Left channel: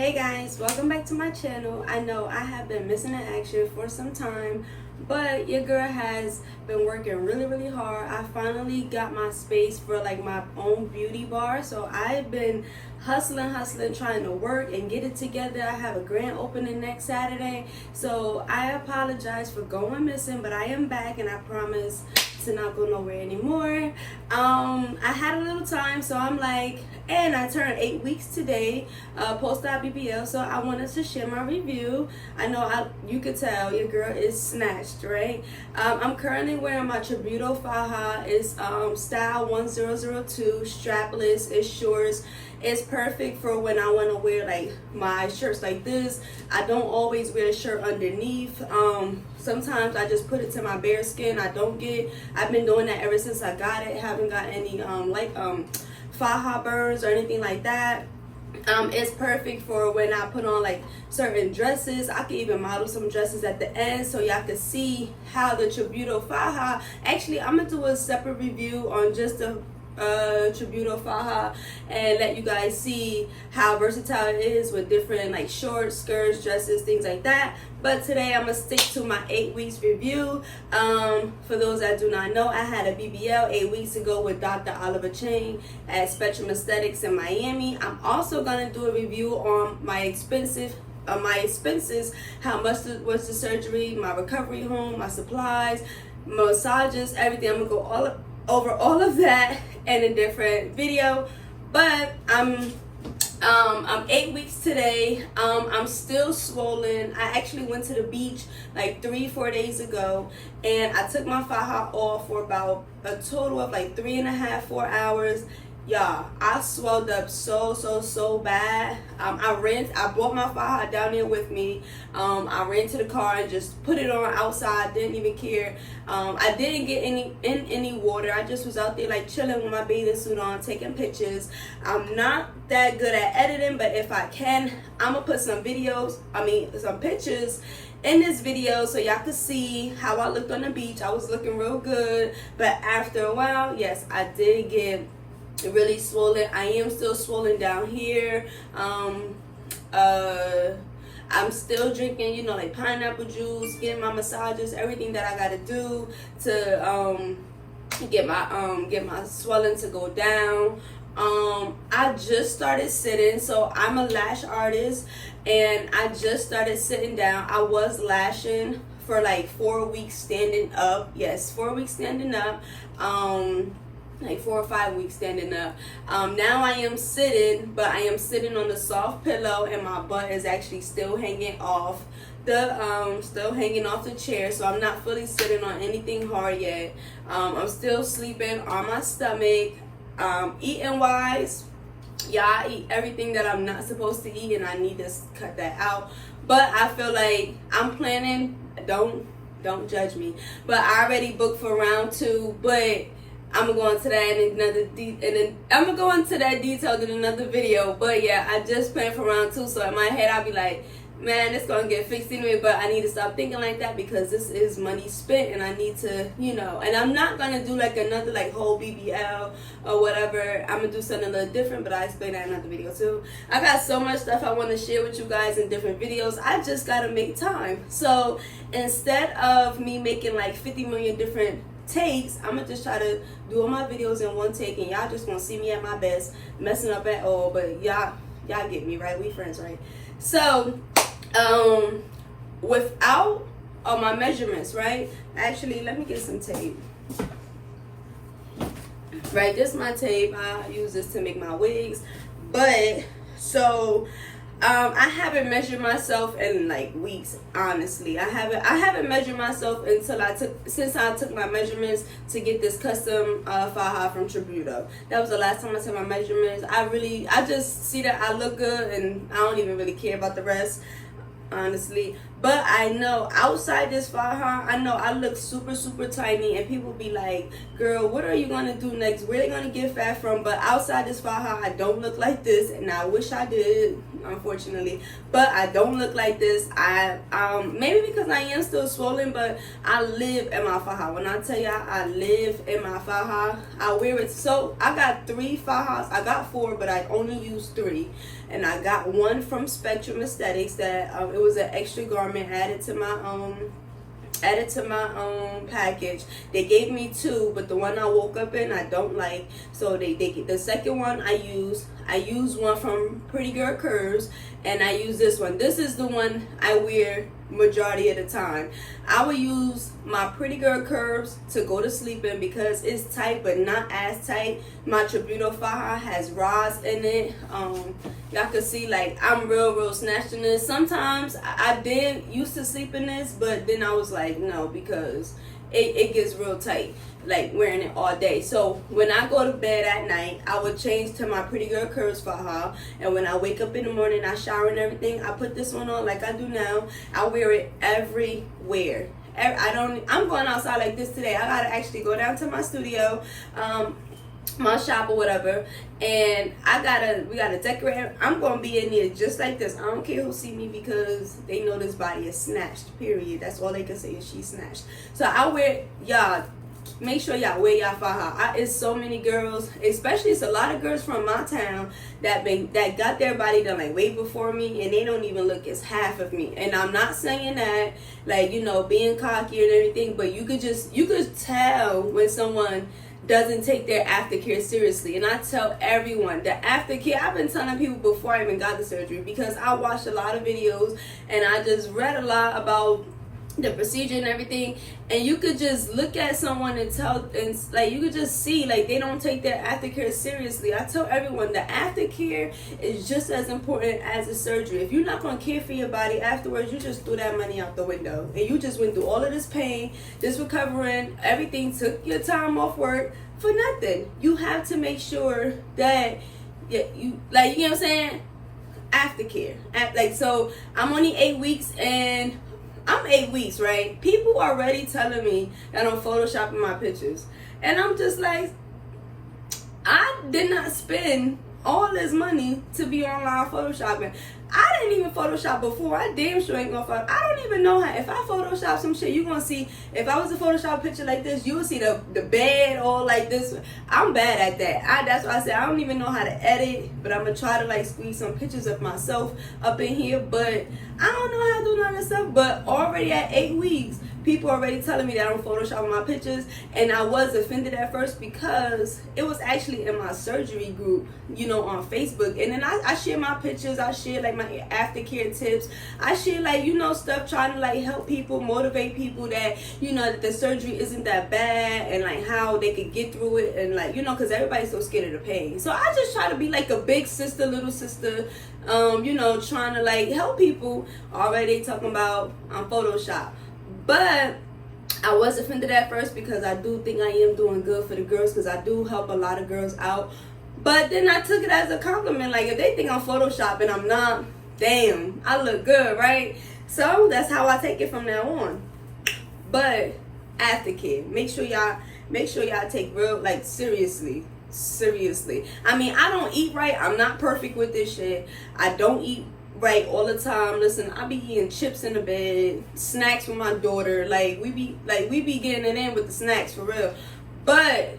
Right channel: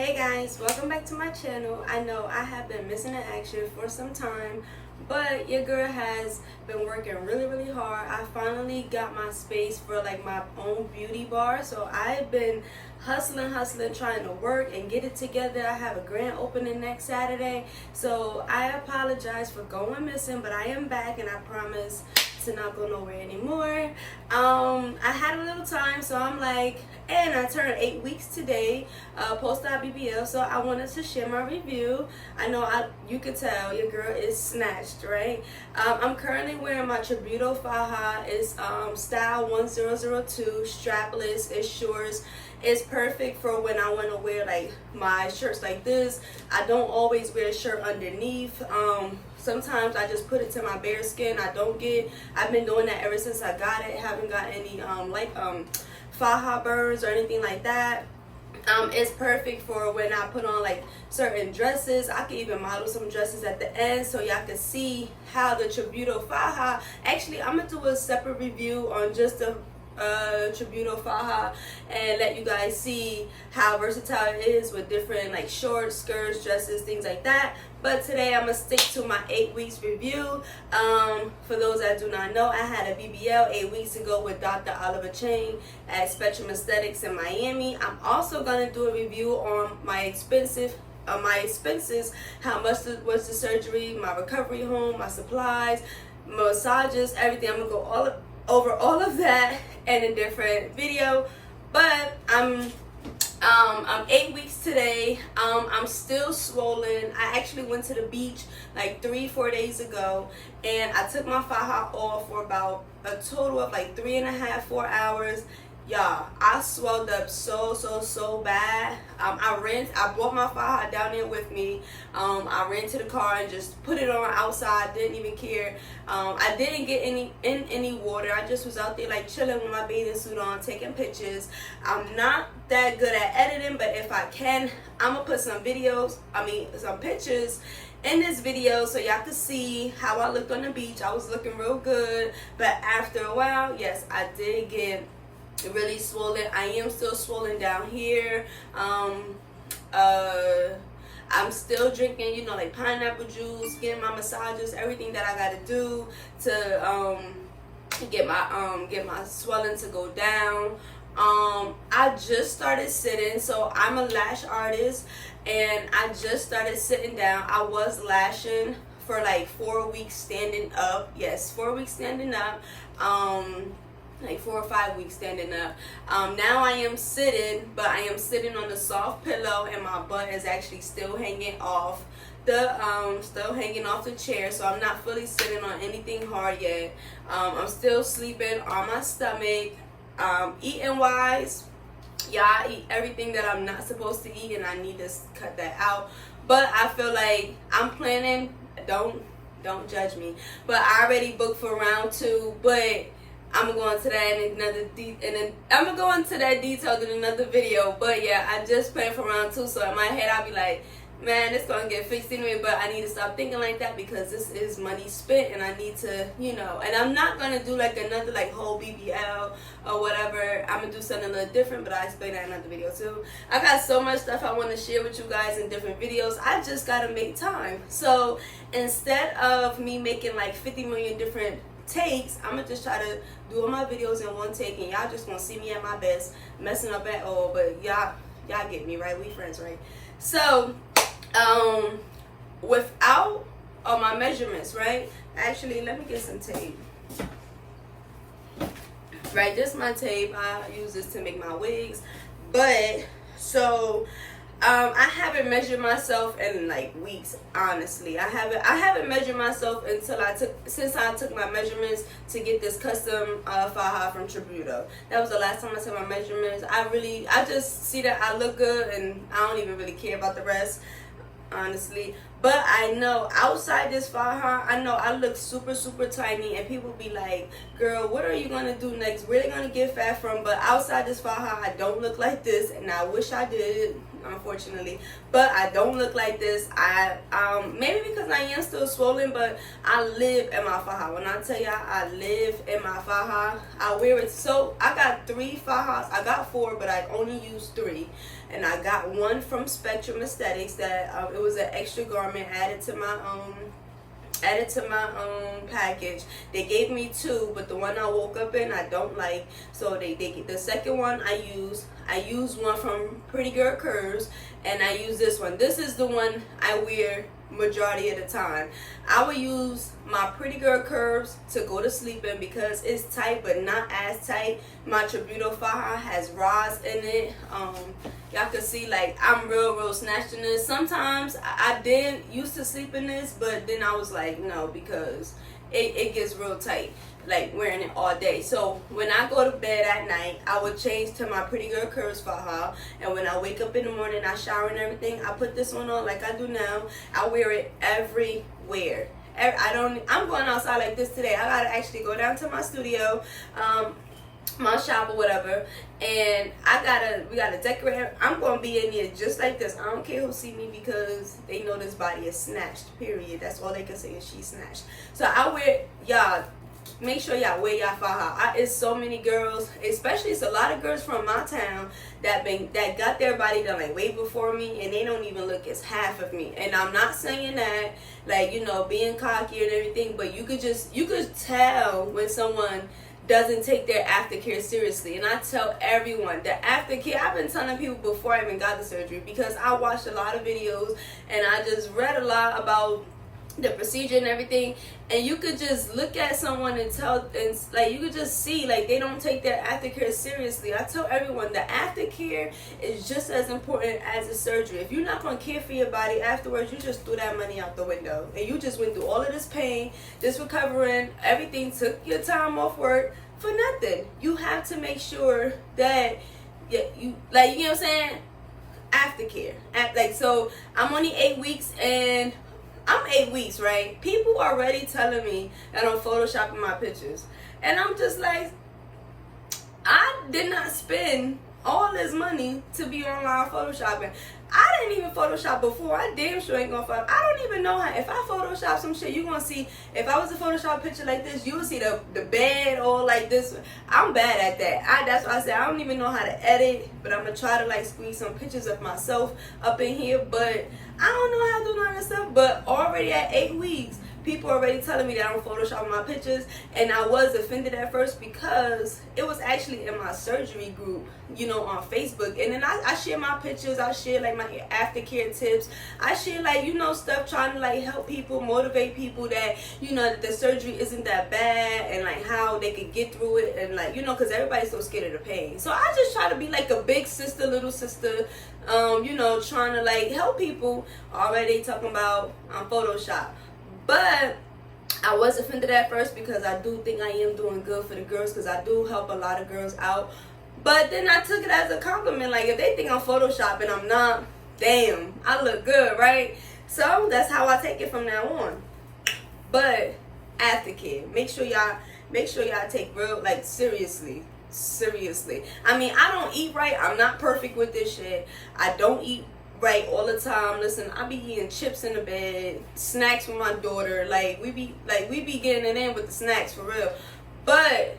Hey guys, welcome back to my channel. I know I have been missing in action for some time, but your girl has been working really hard. I finally got my space for like my own beauty bar, so I've been hustling, trying to work and get it together. I have a grand opening next Saturday, so I apologize for going missing, but I am back and I promise to not go nowhere anymore. I had a little time, so I'm like, and I turned 8 weeks today, post out BBL, so I wanted to share my review. I know you could tell your girl is snatched, right? I'm currently wearing my Tributo faja. It's style 1002, strapless, it's shorts. It's perfect for when I want to wear like my shirts like this. I don't always wear a shirt underneath. Sometimes I just put it to my bare skin. I've been doing that ever since I got it. Haven't got any faja burns or anything like that. It's perfect for when I put on like certain dresses. I can even model some dresses at the end so y'all can see how the Tributo faja. Actually, I'm gonna do a separate review on just the Tributo faja and let you guys see how versatile it is with different like shorts, skirts, dresses, things like that. But today I'm gonna stick to my 8 weeks review. For those that do not know, I had a BBL 8 weeks ago with Dr. Chang at Spectrum Aesthetics in Miami. I'm also gonna do a review on my expenses, how much was the surgery, my recovery home, my supplies, massages, everything. I'm gonna go over all of that in a different video. But I'm 8 weeks today. I'm still swollen. I actually went to the beach like 3-4 days ago, and I took my faja off for about a total of like 3.5-4 hours. Y'all, I swelled up so bad. I brought my faja down there with me. I ran to the car and just put it on outside, didn't even care. I didn't get any water. I just was out there like chilling with my bathing suit on, taking pictures. I'm not that good at editing, but if I can, I'm gonna put some pictures in this video so y'all can see how I looked on the beach. I was looking real good, but after a while, yes, I did get really swollen. I am still swollen down here. I'm still drinking, like pineapple juice, getting my massages, everything that I gotta do to get my swelling to go down. I just started sitting, so I'm a lash artist, and I just started sitting down. I was lashing for like 4 weeks standing up. Yes, 4 weeks standing up. Like 4 or 5 weeks standing up. Now I am sitting, but I am sitting on the soft pillow, and my butt is actually still hanging off the chair, so I'm not fully sitting on anything hard yet. I'm still sleeping on my stomach. Eating wise, yeah, I eat everything that I'm not supposed to eat, and I need to cut that out. But I feel like I'm planning. Don't judge me, but I already booked for round 2, but I'm gonna go into that detail in another video. But yeah, I just planned for round 2, so in my head I'll be like, man, it's gonna get fixed anyway. But I need to stop thinking like that, because this is money spent, and I need to, and I'm not gonna do like another like whole BBL or whatever. I'm gonna do something a little different, but I'll explain that in another video too. I got so much stuff I want to share with you guys in different videos. I just gotta make time. So instead of me making like 50 million different takes, I'm gonna just try to do all my videos in one take, and y'all just gonna see me at my best, messing up at all. But y'all get me, right? We friends, right? So without all my measurements, right? Actually, let me get some tape. Right, this is my tape. I use this to make my wigs. But so I haven't measured myself in like weeks, honestly. I haven't measured myself since I took my measurements to get this custom faja from Tributo. That was the last time I took my measurements. I just see that I look good, and I don't even really care about the rest. honestly. But I know outside this faja, I know I look super, super tiny, and people be like, girl, what are you gonna do next? Where they gonna get fat from? But outside this faja, I don't look like this, and I wish I did, unfortunately. But I don't look like this. I maybe because I am still swollen, but I live in my faja. When I tell y'all I live in my faja, I wear it. So I got 3 fajas. I got 4, but I only use 3. And I got one from Spectrum Aesthetics that it was an extra garment added to my package. They gave me 2, but the one I woke up in I don't like. So the second one I use one from Pretty Girl Curves, and I use this one. This is the one I wear majority of the time. I would use my Pretty Girl Curves to go to sleep in because it's tight but not as tight. My Tributo faja has rods in it. Y'all can see like I'm real snatched in this. Sometimes I did used to sleep in this, but then I was like no, because it gets real tight like wearing it all day. So when I go to bed at night, I would change to my Pretty Girl Curves faja, and when I wake up in the morning, I shower and everything, I put this one on like I do now. I wear it everywhere. I'm going outside like this today. I gotta actually go down to my studio, my shop or whatever, and we gotta decorate. I'm gonna be in there just like this. I don't care who see me because they know this body is snatched, period. That's all they can say is she's snatched. So I wear, y'all, make sure y'all wear y'all faja. It's so many girls, especially it's a lot of girls from my town that got their body done like way before me, and they don't even look as half of me. And I'm not saying that like, you know, being cocky and everything, but you could tell when someone doesn't take their aftercare seriously. And I tell everyone that aftercare, I've been telling people before I even got the surgery, because I watched a lot of videos and I just read a lot about the procedure and everything, and you could just look at someone and tell, and like you could just see like they don't take their aftercare seriously. I tell everyone the aftercare is just as important as the surgery. If you're not going to care for your body afterwards, you just threw that money out the window, and you just went through all of this pain, this recovering, everything, took your time off work for nothing. You have to make sure that you know what I'm saying, aftercare. Like, so I'm only 8 weeks, and I'm 8 weeks, right? People are already telling me that I'm photoshopping my pictures. And I'm just like, I did not spend all this money to be online photoshopping. I didn't even Photoshop before. I damn sure ain't gonna Photoshop. I don't even know how. If I Photoshop some shit, you gonna see. If I was to Photoshop picture like this, you would see the bed all like this. I'm bad at that. That's why I said I don't even know how to edit. But I'm gonna try to like squeeze some pictures of myself up in here. But I don't know how to do none of that stuff. But already at 8 weeks, people already telling me that I'm photoshopping my pictures, and I was offended at first because it was actually in my surgery group, you know, on Facebook. And then I share my pictures. I share like my aftercare tips. I share like, you know, stuff trying to like help people, motivate people that, you know, that the surgery isn't that bad, and like how they could get through it, and like, you know, because everybody's so scared of the pain. So I just try to be like a big sister, little sister, you know, trying to like help people. Already talking about Photoshop. But I was offended at first because I do think I am doing good for the girls, because I do help a lot of girls out. But then I took it as a compliment. Like, if they think I'm photoshopping, I'm not. Damn, I look good, right? So that's how I take it from now on. But aftercare, make sure y'all take real, like, seriously. I mean, I don't eat right. I'm not perfect with this shit. I don't eat right all the time. Listen, I be eating chips in the bed, snacks with my daughter. Like we be getting it in with the snacks for real. But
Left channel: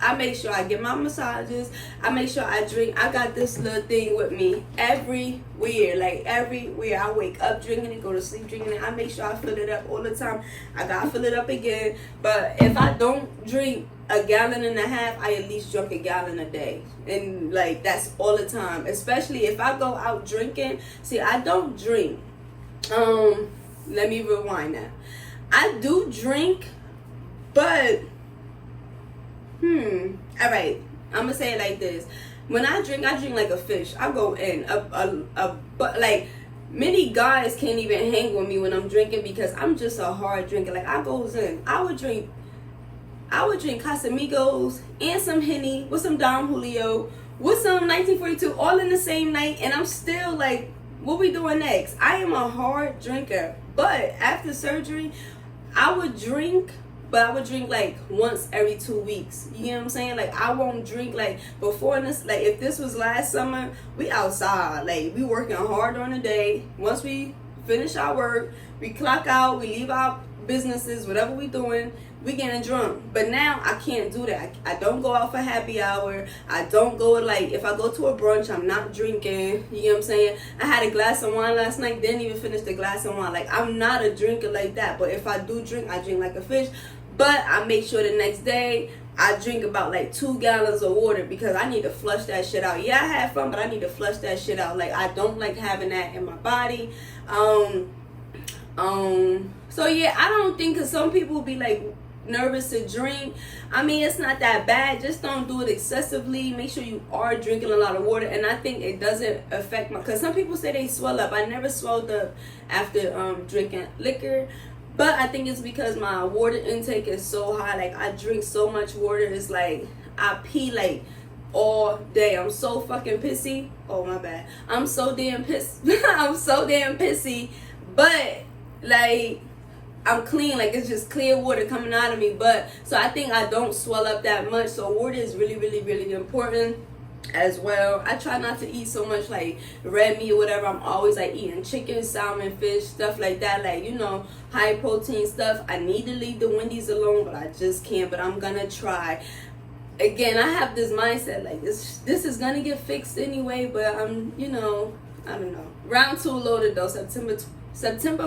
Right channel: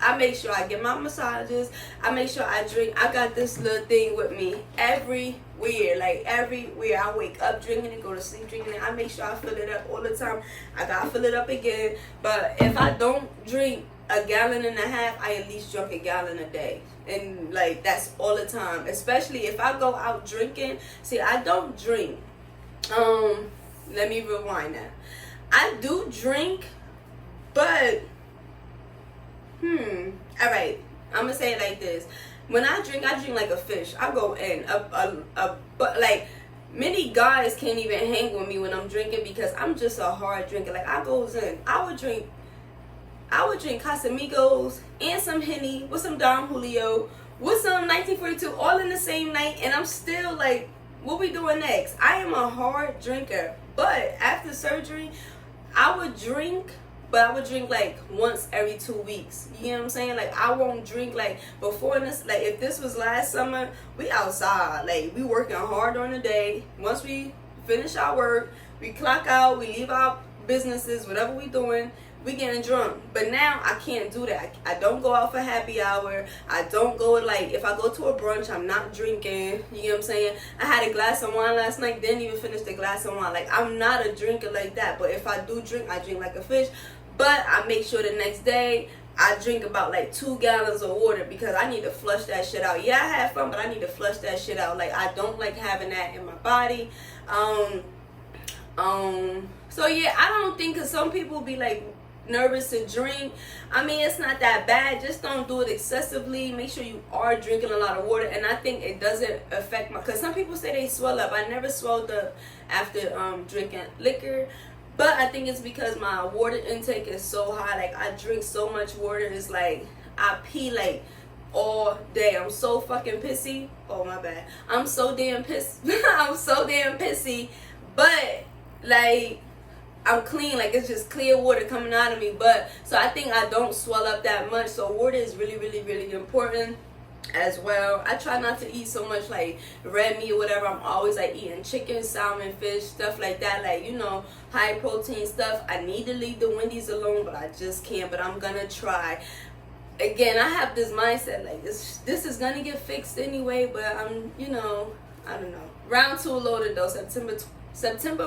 I make sure I get my massages. I make sure I drink. I got this little thing with me everywhere. Like everywhere. I wake up drinking it, go to sleep drinking it. I make sure I fill it up all the time. I gotta fill it up again. But if I don't drink a gallon and a half, I at least drink a gallon a day. And like that's all the time. Especially if I go out drinking. See, I don't drink. Let me rewind that. I do drink, but all right, I'm gonna say it like this. When I drink like a fish. I go in but like many guys can't even hang with me when I'm drinking, because I'm just a hard drinker. Like I goes in. I would drink Casamigos and some Henny with some Don Julio with some 1942 all in the same night, and I'm still like what we doing next? I am a hard drinker, but after surgery, I would drink, but I would drink like once every 2 weeks. You know what I'm saying? Like, I won't drink like before this. Like, if this was last summer, we outside. Like, we working hard on the day. Once we finish our work, we clock out, we leave our businesses, whatever we doing, we getting drunk. But now I can't do that. I don't go out for happy hour. I don't go, like, if I go to a brunch, I'm not drinking. You know what I'm saying? I had a glass of wine last night, didn't even finish the glass of wine. Like, I'm not a drinker like that. But if I do drink, I drink like a fish. But I make sure the next day I drink about like 2 gallons of water, because I need to flush that shit out. Yeah, I had fun, but I need to flush that shit out. Like, I don't like having that in my body. So yeah, I don't think, because some people be like nervous to drink. I mean, it's not that bad. Just don't do it excessively. Make sure you are drinking a lot of water. And I think it doesn't affect my, because some people say they swell up. I never swelled up after drinking liquor. But I think it's because my water intake is so high. Like, I drink so much water. It's like I pee like all day. I'm so fucking pissy. Oh, my bad. I'm so damn pissed. I'm so damn pissy. But like, I'm clean. Like, it's just clear water coming out of me. But so I think I don't swell up that much. So water is really, really, really important as well. I try not to eat so much like red meat or whatever. I'm always like eating chicken, salmon, fish, stuff like that, like, you know, high protein stuff. I need to leave the Wendy's alone, but I just can't. But I'm gonna try. Again, I have this mindset like this is gonna get fixed anyway, but I'm, you know, I don't know. Round 2 loaded though. September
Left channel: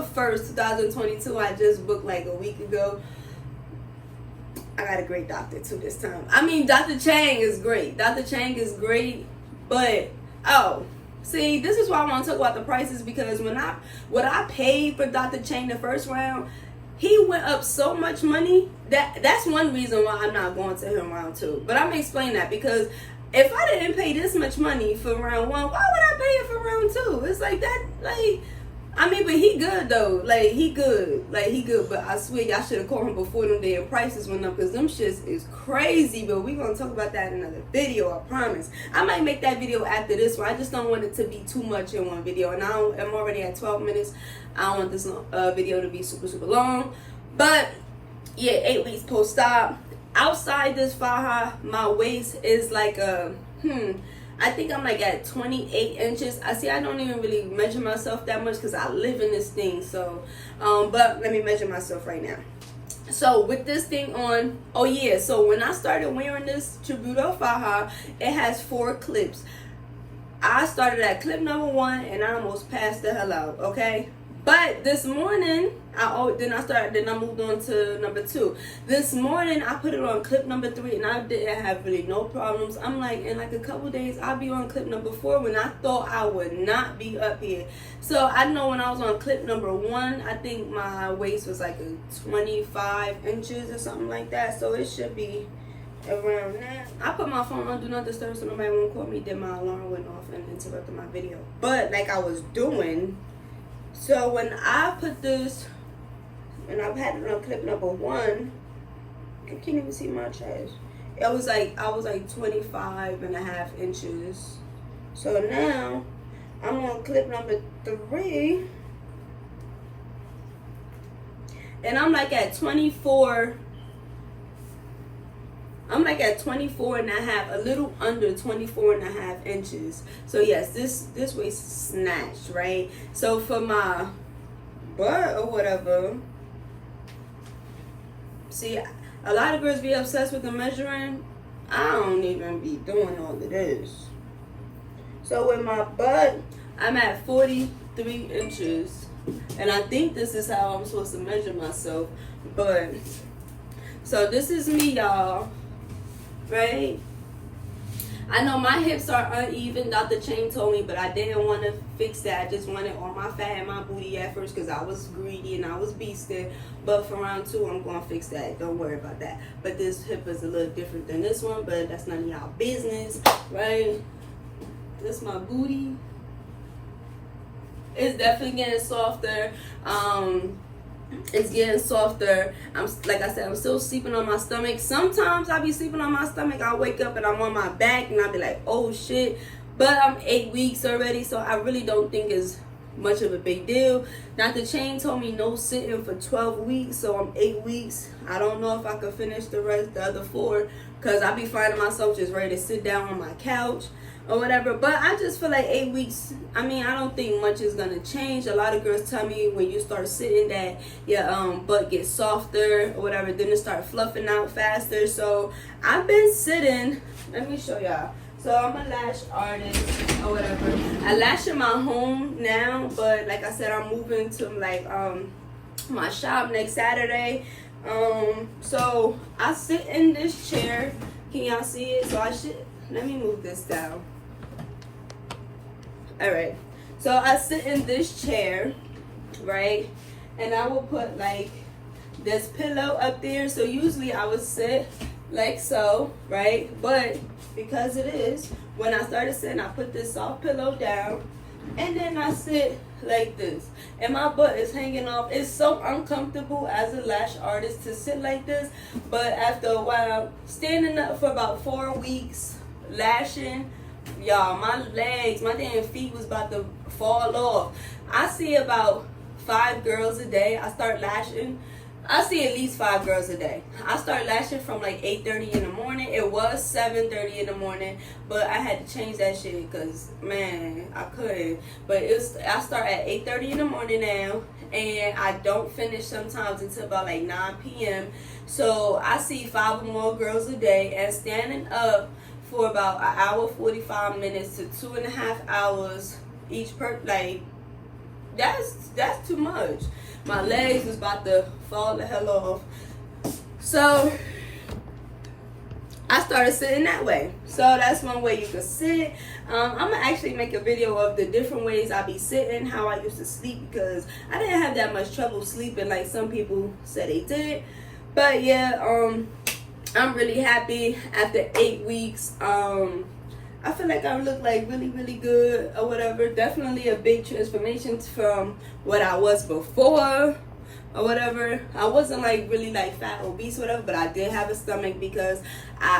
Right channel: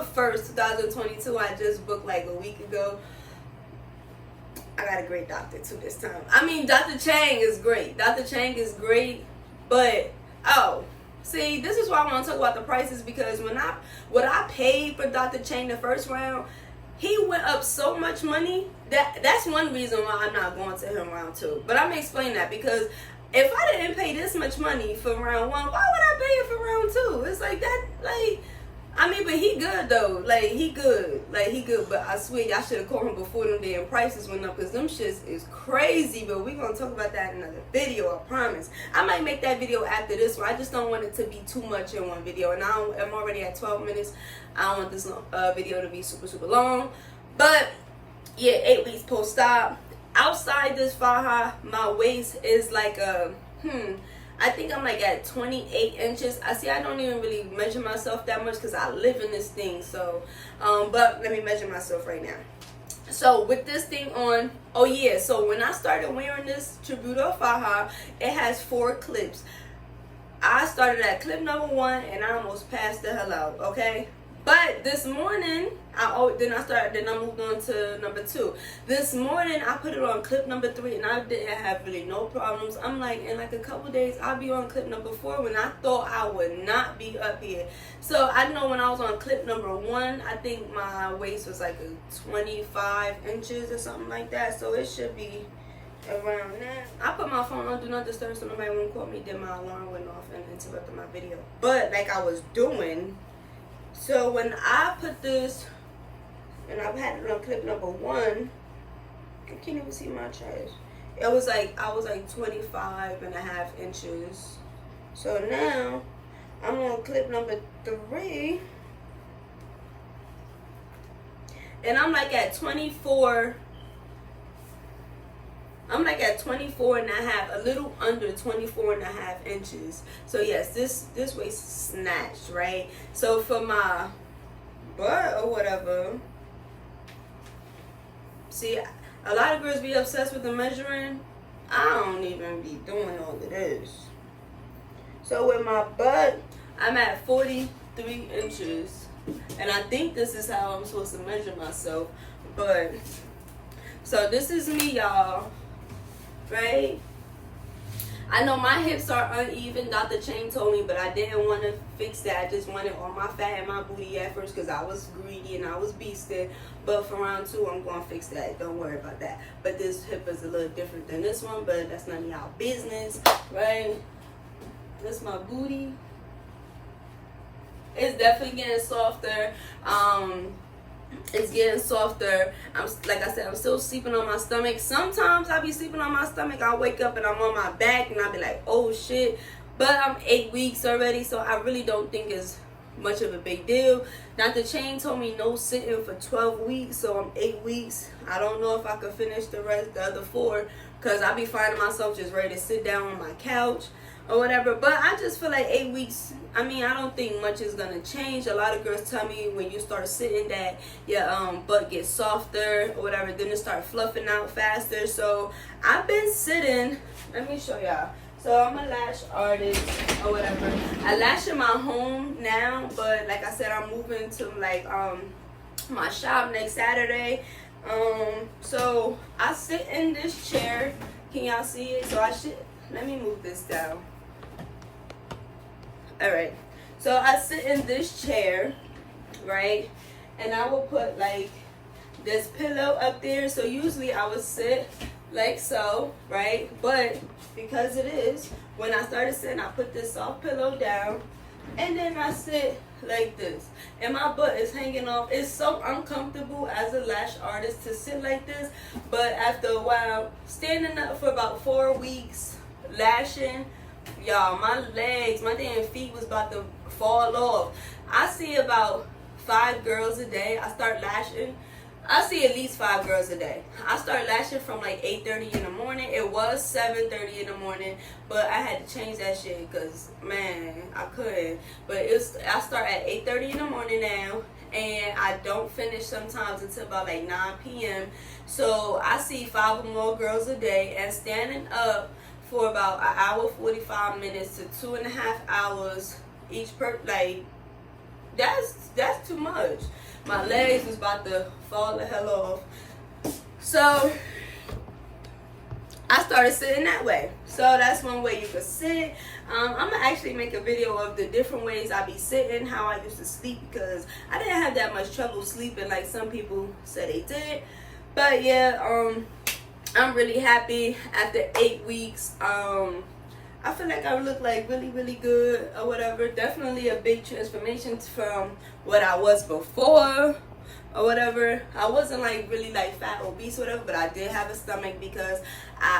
1st, 2022. I just booked like a week ago. I got a great doctor too this time. I mean, Dr. Chang is great. Dr. Chang is great, but see, this is why I want to talk about the prices, because what I paid for Dr. Chang the first round, he went up so much money that's one reason why I'm not going to him round 2. But I'm gonna explain that, because if I didn't pay this much money for round 1, why would I pay it for round 2? It's like that, like. I mean, but he good though. Like, he good. But I swear y'all should have called him before them damn prices went up, because them shits is crazy. But we gonna talk about that in another video, I promise. I might make that video after this one. I just don't want it to be too much in one video. And I'm already at 12 minutes. I don't want this video to be super, super long. But yeah, 8 weeks post-op. Outside this faja, my waist is like a I think I'm like at 28 inches. I don't even really measure myself that much, because I live in this thing. So, but let me measure myself right now. So with this thing on, oh yeah, so when I started wearing this Tributo faja, it has 4 clips. I started at clip number 1 and I almost passed the hell out, okay? But this morning, I moved on to number 2. This morning, I put it on clip number 3, and I didn't have really no problems. I'm like, in like a couple days, I'll be on clip number 4, when I thought I would not be up here. So I know when I was on clip number 1, I think my waist was like a 25 inches or something like that. So it should be around that. I put my phone on do not disturb so nobody won't call me. Then my alarm went off and interrupted my video. But like I was doing. So when I put this, and I've had it on clip number 1, I can't even see my chest. It was like, I was like 25.5 inches. So now I'm on clip number 3, and I'm like at 24. I'm like at 24.5, a little under 24.5 inches. So yes, this waist is snatched, right? So for my butt or whatever, see, a lot of girls be obsessed with the measuring. I don't even be doing all of this. So with my butt, I'm at 43 inches. And I think this is how I'm supposed to measure myself. But, so this is me, y'all. Right? I know my hips are uneven. Dr. Chang told me, but I didn't want to fix that. I just wanted all my fat and my booty at first, because I was greedy and I was beasting. But for round 2, I'm going to fix that. Don't worry about that. But this hip is a little different than this one, but that's none of y'all business, right? That's my booty. It's definitely getting softer. It's getting softer. Like I said, I'm still sleeping on my stomach. Sometimes I be sleeping on my stomach. I wake up and I'm on my back and I'll be like, oh shit. but I'm 8 weeks already, so I really don't think it's much of a big deal. Dr. Chang told me no sitting for 12 weeks, so I'm 8 weeks. I don't know if I could finish the other 4, because I be finding myself just ready to sit down on my couch or whatever. But I just feel like 8 weeks, I mean, I don't think much is gonna change. A lot of girls tell me when you start sitting that your butt gets softer or whatever, then it start fluffing out faster. So I've been sitting, let me show y'all. So I'm a lash artist or whatever. I lash in my home now, but like I said, I'm moving to like my shop next Saturday. So I sit in this chair. Can y'all see it? So let me move this down. All right. So I sit in this chair, right? And I will put like this pillow up there. So usually I would sit like so, right? But because it is, when I started sitting, I put this soft pillow down and then I sit like this, and my butt is hanging off. It's so uncomfortable as a lash artist to sit like this, but after a while, standing up for about 4 weeks, lashing, y'all, my legs, my damn feet was about to fall off. I see about 5 girls a day. I start lashing. I see at least 5 girls a day. I start lashing from like 8:30 in the morning. It was 7:30 in the morning, but I had to change that shit because, man, I couldn't. But I start at 8:30 in the morning now, and I don't finish sometimes until about like 9 p.m. So I see 5 or more girls a day, and standing up for about an hour 45 minutes to 2.5 hours each like that's too much. My legs was about to fall the hell off. So I started sitting that way. So that's one way you could sit. I'm gonna actually make a video of the different ways I be sitting, how I used to sleep, because I didn't have that much trouble sleeping like some people said they did. But yeah, I'm really happy after 8 weeks. I feel like I look like really good or whatever. Definitely a big transformation from what I was before or whatever. I wasn't like really like fat, obese, whatever, but I did have a stomach because I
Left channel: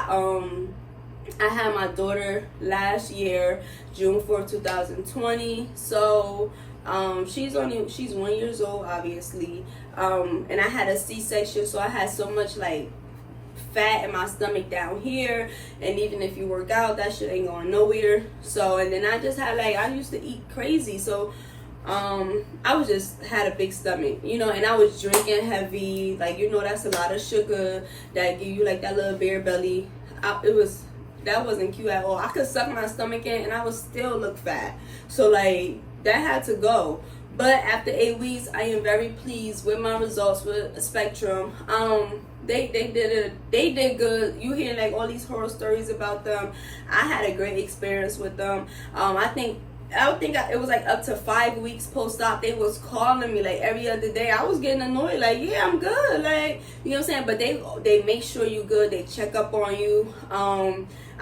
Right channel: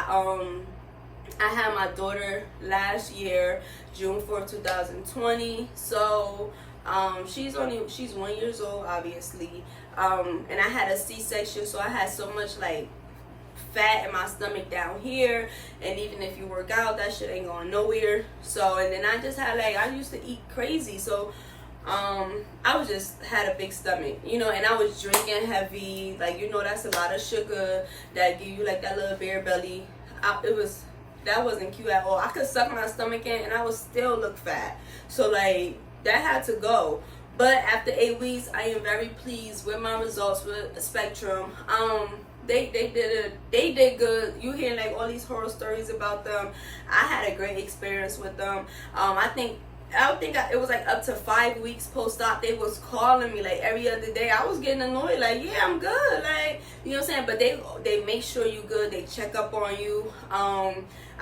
had my daughter last year, June 4th, 2020. So she's 1 year old, obviously. And I had a C-section, so I had so much like fat in my stomach down here, and even if you work out, that shit ain't going nowhere. So, and then I just had like, I used to eat crazy, so I was just had a big stomach, you know, and I was drinking heavy, like, you know, that's a lot of sugar that give you like that little bear belly. That wasn't cute at all. I could suck my stomach in and I would still look fat, so like that had to go. But after 8 weeks, I am very pleased with my results with Spectrum. They did good. You hear like all these horror stories about them. I had a great experience with them. I think it was like up to 5 weeks post-op. They was calling me like every other day. I was getting annoyed, like, yeah, I'm good, like, you know what I'm saying? But they make sure you good. They check up on you.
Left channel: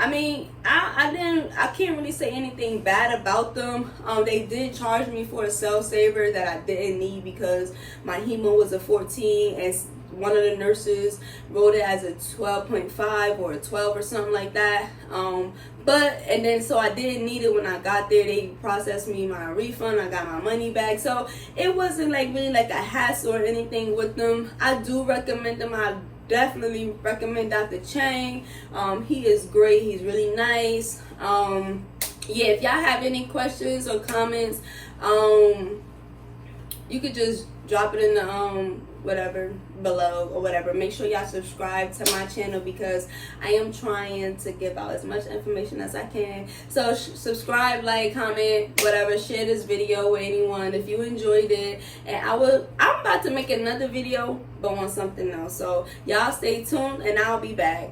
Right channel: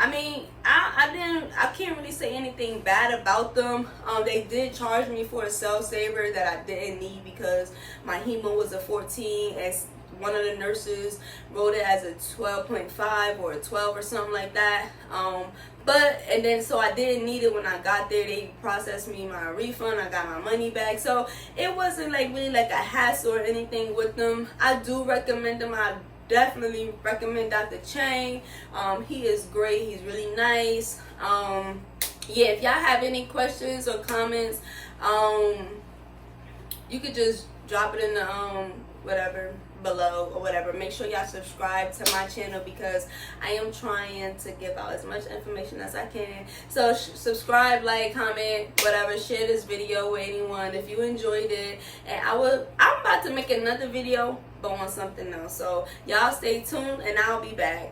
I mean, I can't really say anything bad about them. They did charge me for a cell saver that I didn't need because my hemo was a 14, and one of the nurses wrote it as a 12.5 or a 12 or something like that. And then so I didn't need it when I got there. They processed me my refund. I got my money back. So it wasn't like really like a hassle or anything with them. I do recommend them. I definitely recommend Dr. Chang. He is great. He's really nice. Yeah, if y'all have any questions or comments, you could just drop it in the whatever below or whatever. Make sure y'all subscribe to my channel because I am trying to give out as much information as I can. So subscribe, like, comment, whatever. Share this video with anyone if you enjoyed it. And I'm about to make another video but on something else. So y'all stay tuned and I'll be back.